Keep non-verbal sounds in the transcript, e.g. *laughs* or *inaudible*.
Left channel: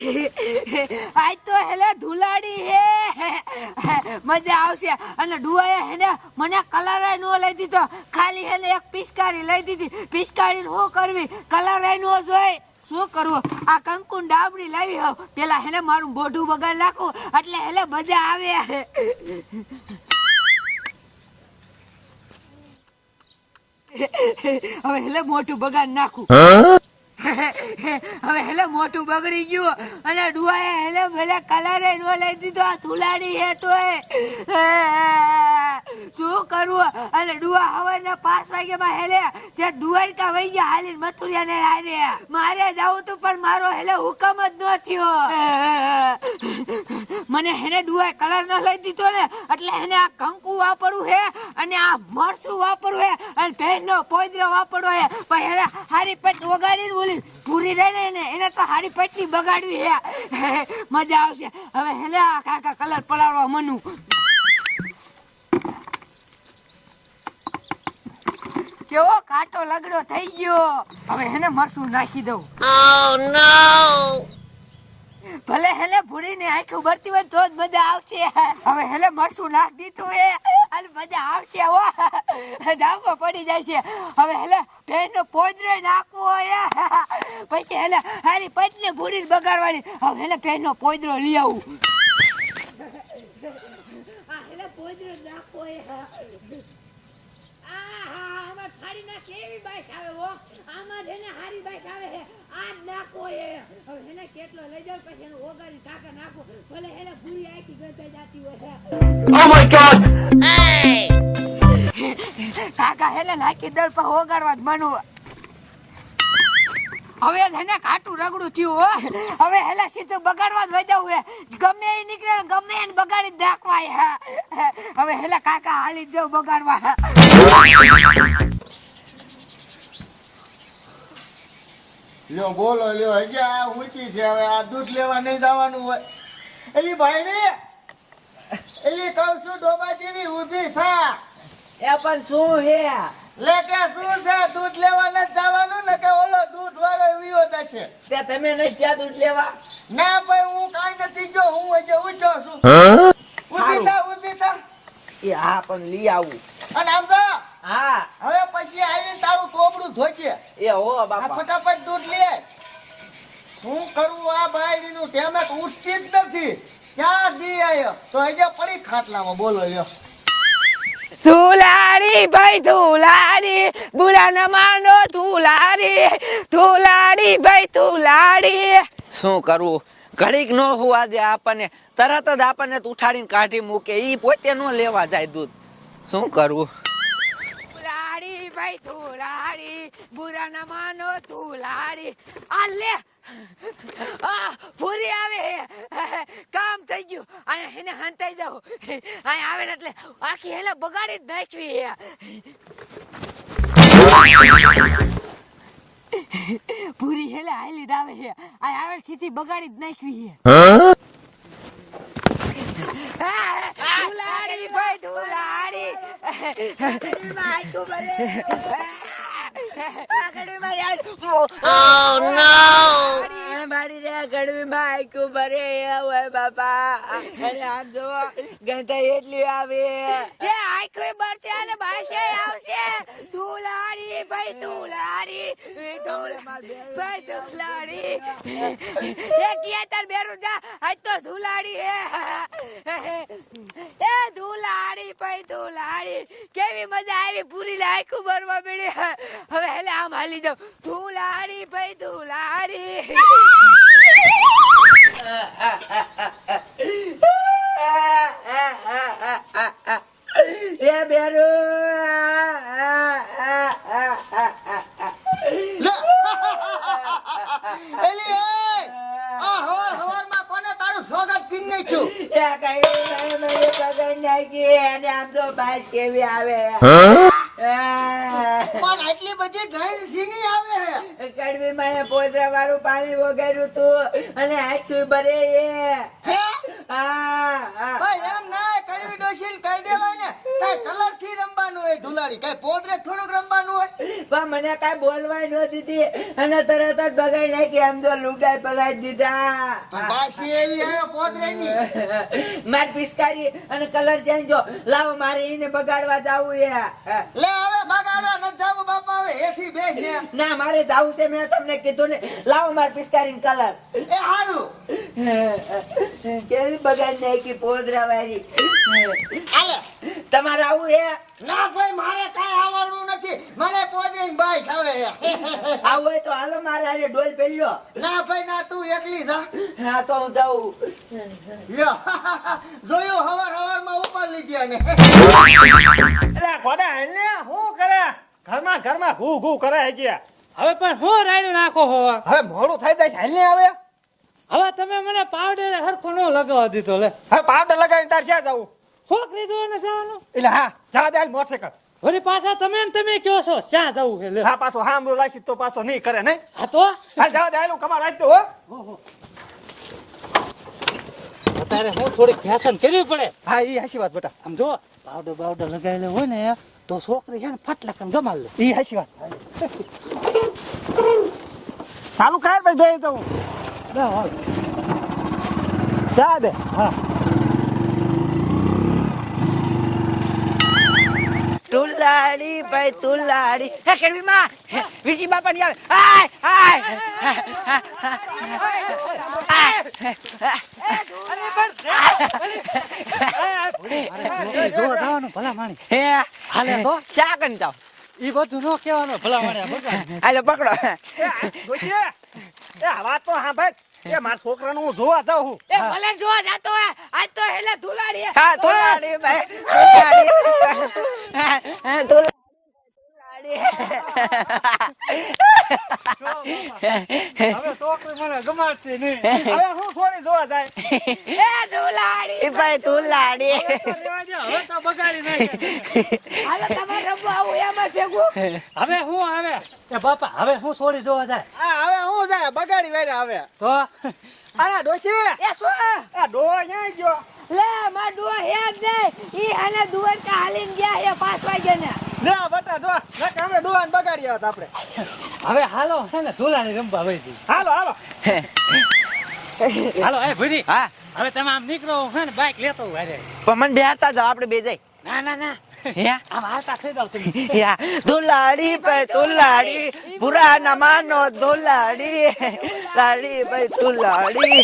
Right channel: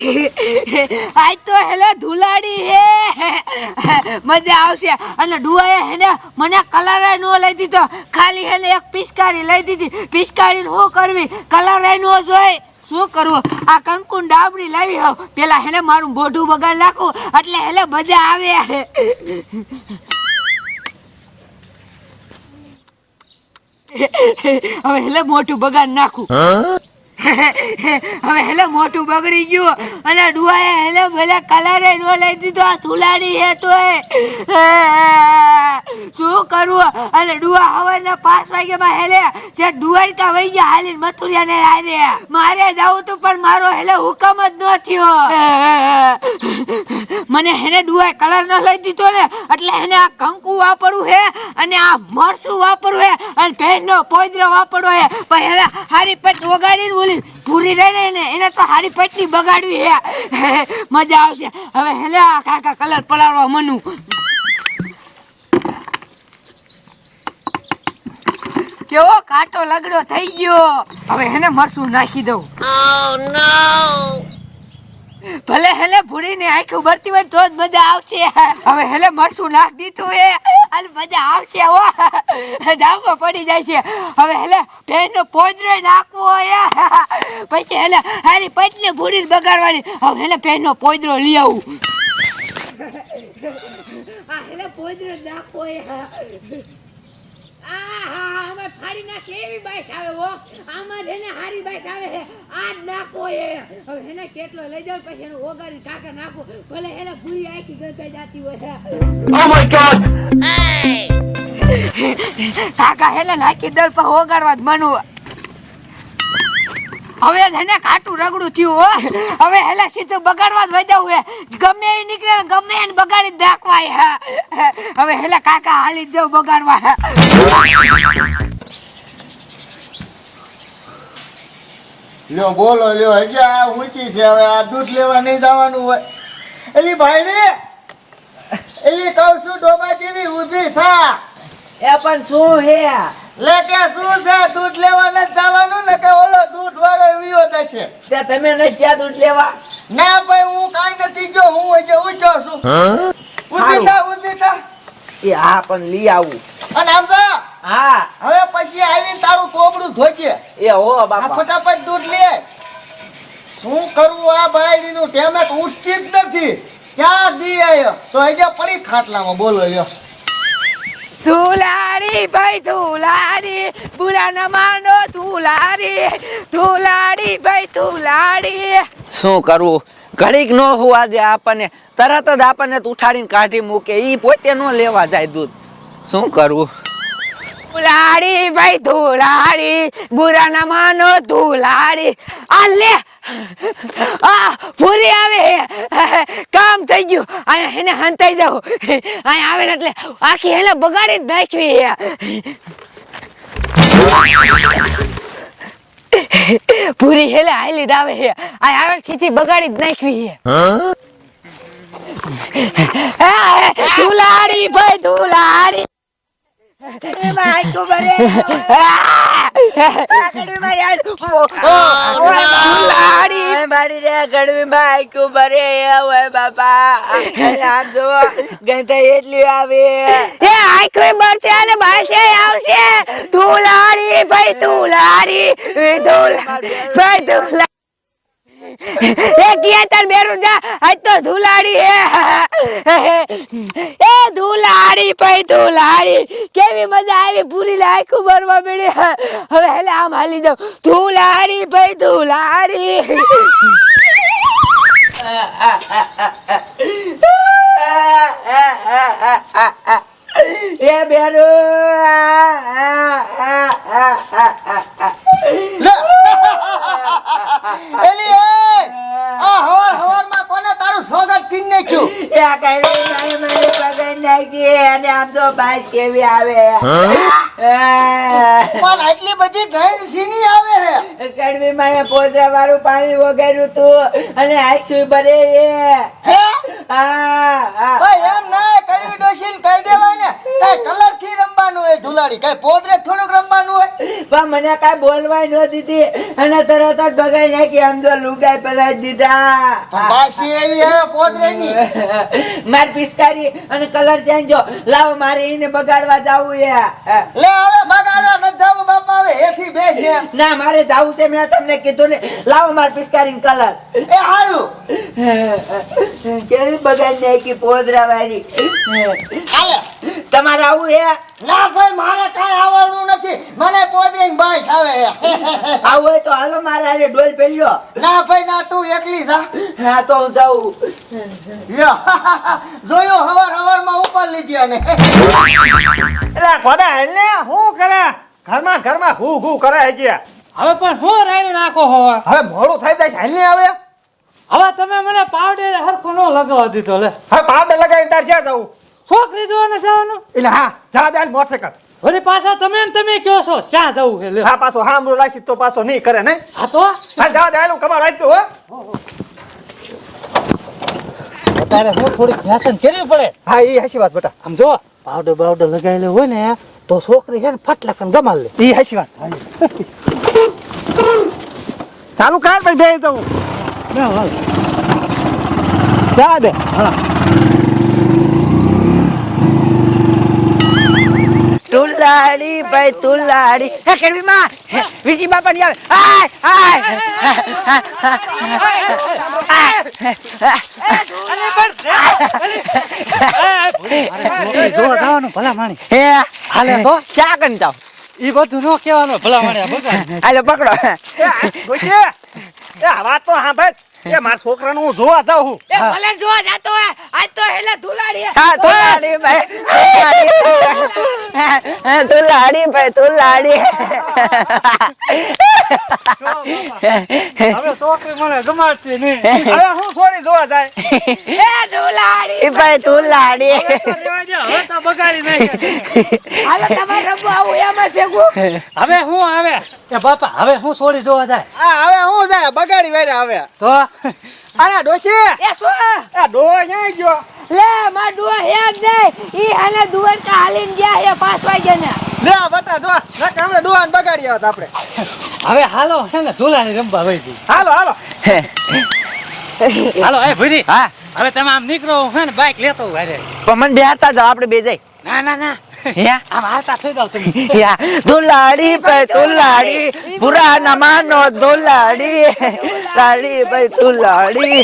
*laughs* આજ તો હેલે ધુલાડી હે. *laughs* મજા આવશે. અને ડુઆએ હેને મને કલર નો લઈ દીધો. ખાલી હેલે એક પિચકારી લઈ દીધી. પિચકારી શું કરવી? કલર નો જોઈ. શું કરવું? આ કંકુ ડાબડી લાવી હોવ. પેલા હેને મારું મોઢું બગાડ નાખું. એટલે હેલે મજા આવે. *laughs* હવે હેલે મોઢું બગાડ નાખું. *laughs* હવે હેલે મોટું બગડી ગયું. અને ડુઆએ હેલે, ભલે કલરે નો લઈ દીધો, આ ધુલાડી હે તો *laughs* શું કરવું અને ડુઆ હવારના પાંચ વાગ્યામાં હેલે, જે દ્વારકા વઈ ગયા હાલી મથુરિયા ને હારે મારે જાવું તું, પણ મારો હેલે હુકમ જ ન થયો. *laughs* મને હેને ડુઆએ કલર ન લઈ દીધો ને, એટલે હેને આ કંકુ વાપરવું હે, અને આ મરસું વાપરવું હે, અને ભેંસનો પોદરો વાપરવો હે. પણ હેને હારી પટ વગાડીને બોલી પૂરી રહી ને એને તો હારી પટલી બગાડવી હે. મજા આવશે. હવે હેલે કાકા કલર પલાળવા મનુ. કેવો કાટો લગડો થઈ ગયો. હવે એને મરસું નાખી દઉં. ભલે હેલે ભૂરીને આંખ ઉભરતી હોય તો જ મજા આવશે. હવે હેલે મરસું નાખ દીધું એ અને મજા આવશે હો. જામમાં પડી જાય છે. હવે હેલે પેનનો પોદરો નાખવો હોય પછી હેલે હારી પટલી ભૂરી બગાડવાની. હવે હેલે પેનનો પોદરો લઈ આવું. હેલે પોદરો નાખવો આહા, આમાં ફાડી નાખે એવી બાઈસ આવે હો. આમાં જેને હારી બાઈસ આવે જ નાખો એ. હવે એને કેટલો લઈ જાવ પછી એનું ઓગાડી કાકા નાખો. ભલે એને ભૂરી આખી ગંધાઈ જાતી હોય Oh my god! કાકા હેલે નાખી દર પર ઓગાડવા જ મનુ હવે એને કાટું રગડું થયું હો હવે હેલે સીધું બગાડવા જ વજાવું હે ગમે એ નીકળે ને ગમે એને બગાડી નાખવાય. હવે હેલે કાકા હાલી દેવ જાવ બગાડવા. લ્યો બોલો લ્યો હજી આ ઊંચી છે હવે આ દૂધ લેવા નહીં જવાનું હોય. એલી ભાઈ રે એલી કહું છું ડોબા જેવી ઊભી થા. એ પણ શું હે? લે કે શું છે? દૂધ લેવા નથી જવાનું ને કે ઓલો દૂધ વાળો વિયો થશે તે તમે નહીં ચા દૂધ લેવા. ના ભાઈ હું કાઈ નથી જો હું હજી ઊંચો છું. ઊભી થા ઊભી થા. એ હા પણ લઈ આવું. અને આમ તો હા. હવે પછી આવીને તારું કોબડું ધોજે. એ હો બાપા. ફટાફટ દૂધ લે. શું કરવું આ બાયડીનું? ટેમે તો ઉઠતી જ નથી. ક્યાં દી આયો? તો હજી પડી ખાટલામાં. બોલો લ્યો. ધુલાડી ભાઈ ધુલાડી બુરા ના માનો ધુલાડી ધુલાડી ભાઈ ધુલાડી શું કરવું ઘડીક નો હોવા દે આપણને. તરત જ આપણને ઉઠાડીને કાઢી મૂકે. ઈ પોતે નો લેવા જાય દૂધ. શું કરવું ધુલાડી ભાઈ ધુલાડી બુરા ના માનો ધુલાડી. આ લે આ ફૂલી આવે. કામ થઈ ગયું. અહીંયા એને હંતાઈ જાવ અહીંયા આવે ને એટલે આખી એને બગાડી જ નાખવી. પૂરી હેલે હાલી દાવે હે આ આવે છીથી બગાડી જ નાખવી. હે? ધુલાડી ભાઈ ધુલાડી. *laughs* એટલી આવે. આવશે. ધુલાડી ભાઈ તું લારી ભાઈ ધુલાડી એ કિયા તાર બેરું ધુલાડી હે. એ ધુલાડી કેવી મજા આવી પૂરી લાયકું મળી હવે હેલે આમ જાવ ધુલાડી ભાઈ, ધુલાડી. એ લે એલી એ આ હવાર હવારમાં કોને તારું સ્વાગત કરી નાખ્યું એ કઈ મારી મારી અને આમ તો બાસ કેવી આવે પણ આટલી બધી ગેર સીની આવે કડવી માં પોદરા વાળું પાણી વગાડ્યું તું અને આખું ભરે એ હે? એમ ના કહી દેવાય ને? કઈ કલરથી રમવાનું હોય ધુલાડી કઈ પોતરે થોડુંક રમવાનું હોય? પણ મને કઈ બોલવાય ન દીધી. અને તરત જ બગાઈ નાખી. આમ તો લુગાઈ પલાઈ દીધા. બાસી એવી હવે પોતરે ની *laughs* માર પિસ્કારી અને કલર ચેન્જ લાવો મારે એને બગાડવા જાવું એ લે બેસ ના મારે જાવું છે મેં તમને કીધું ને. લાવો માર પિસ્કારી કલર. એ હારું કેવી બગાડી નાખી પોદરા વાળી હાલે. તમારે આવું હે? ના ભાઈ મારે કાંઈ આવવાનું નથી. મને પોતરે ની આવે આવું હોય તો હાલો મારે આજે ડોલ પેલ્યો ના ભાઈ ના તું એકલી જા. હા તો હું જાઉં. જોયો હવાર હવારમાં ઉપર લીધી અને એટલે ઘોડા એટલે હું કરે ઘરમાં ઘરમાં ઘૂ ઘૂ કરે હજી હવે પણ હું રાણી નાખો હવે? હવે મોડું થઈ જાય હેલને આવે? હવે તમે મને પાવડર હરખો નો લગાવવા દીધો લે. હવે પાવડર લગાવીને તાર ક્યાં જવું છોકરી જોવાને જવાનું? એટલે હા જા દે મોટરસાઇકલ વળી પાછા તમે ને તમે કયો છો ક્યાં જવું લે. હા પાછો હામરો લાગી તો પાછો નહીં કરે નહીં? હા તો? હા જા દે હાલ હું કમાડ વાંચતું હો. તારે હું થોડી ફેશન કરવી પડે. હા એ હાચી વાત બેટા. આમ જો પાવડર બાવડર લગાવેલો હોય ને તો છોકરી છે ને ફટ કન ગમાલ લે. એ હાચી વાત. ચાલુ કર ભાઈ બે દઉં જા દે. તુલાડી ભાઈ તુલાડી હે કેડવી માં? વિજી બાપા ની આવે. આય જો જવાનું ભલા માણી હે હાલે તો. ચા કરી જાવ ઈ બધું નો કહેવાનો ભલા માણી બગાડ હાલો પકડો. ગોચે એ વાત તો સાંભળ. એ મારા છોકરાનું હું જોવા જાઉં હું. એ ભલે જોવા જાતો હે આજ તો હેલે ધુલાડી હા ધુલાડી ભાઈ. તુલાડી ભાઈ તુલાડી હવે છોકરી મને ગમાડશે નહીં. હવે હું છોડી જોવા જાય. એ ધુલાડી ભાઈ તું લાડી. હવે તો બગાડી નાખે. હાલો તમારે રમવા આવું એમાં ભેગું હવે હું આવે? એ બાપા હવે હું છોડી જોવા જાય. હા હવે હું જાય બગાડી વારે આવે. તો? આયા ડોશી? એ શું? આ ડો ક્યાં ગયો? લે માં ડુઆ હે જ નહીં ઈ હાલે દુવન કા હાલીને ગયા હે પાંચ વાગે ને લે આ બટા જો ના કામડે દુવાન બગાડી આવત આપણે. હવે હાલો હે ને ધોલાની રમવા વઈ ગઈ. હાલો હાલો. હાલો એ ભૂરી હા. હવે તમે આમ નીકળો હું હે ને બાઈક લેતો હું હારે. પણ મને બેહતા જાવ આપણે બે જઈ. ના ના ના. હે આમ થઈ જાવ યા દુલાડી ભાઈ તુલાડી પુરાના માનો દુલાડી લાડી ભાઈ તુલાડી